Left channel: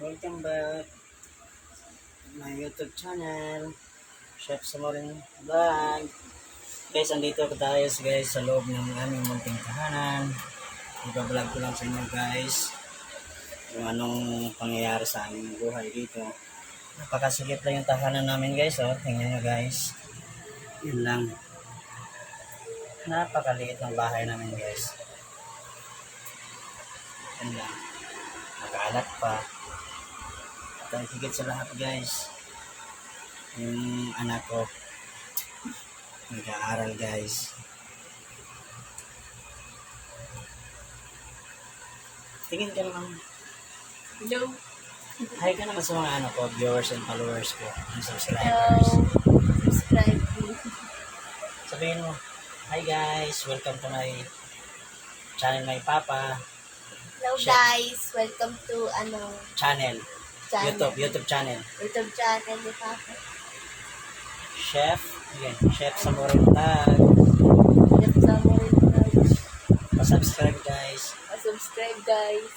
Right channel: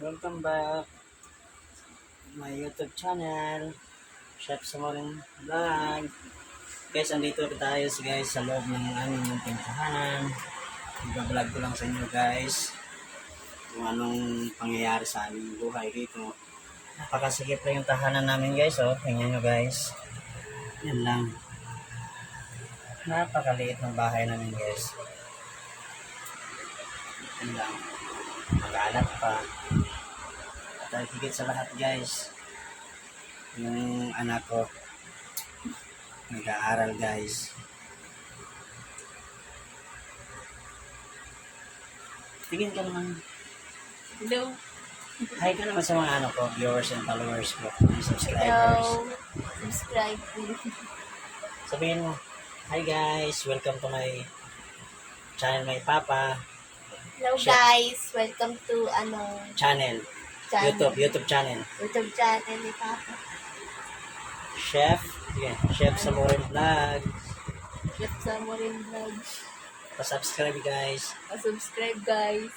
Welcome back to my YouTube channel, Chef Samorin Vlog. Guys, andito tayo guys sa loob ng aming munting tahanan. Iba-vlog ko lang sa inyo guys kung anong pangyayari sa aming buhay dito. Napakasikip lang yung tahanan namin guys, oh. Tingnan nyo guys. Yan lang. Napakaliit ng bahay namin guys. Yan lang. Mag-alat pa. At higit sa lahat guys, yung anak ko nag-aaral guys. Tingin ka naman. Hello. Hi ka naman sa mga ano ko, viewers and followers ko, and subscribers. Hello. Subscribe please. Sabihin mo, hi guys, welcome to my channel, my papa. Hello Chef. guys. Welcome to Channel. YouTube channel. YouTube channel ni Papa. Chef, yeah, Chef Samorin Vlog. Chef Samorin Vlog. Pa-subscribe guys. Subscribe guys.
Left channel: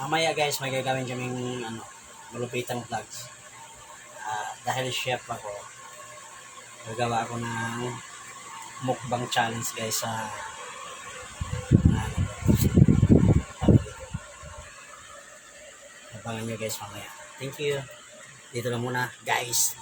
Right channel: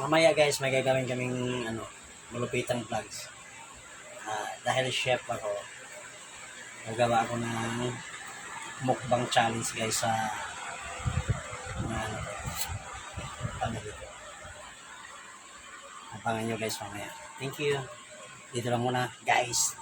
Mamaya guys, may gagawin kaming malupitang vlogs. Dahil chef ako, gagawa ako ng mukbang challenge guys sa abangan nyo guys mamaya. Thank you. Dito lang muna guys.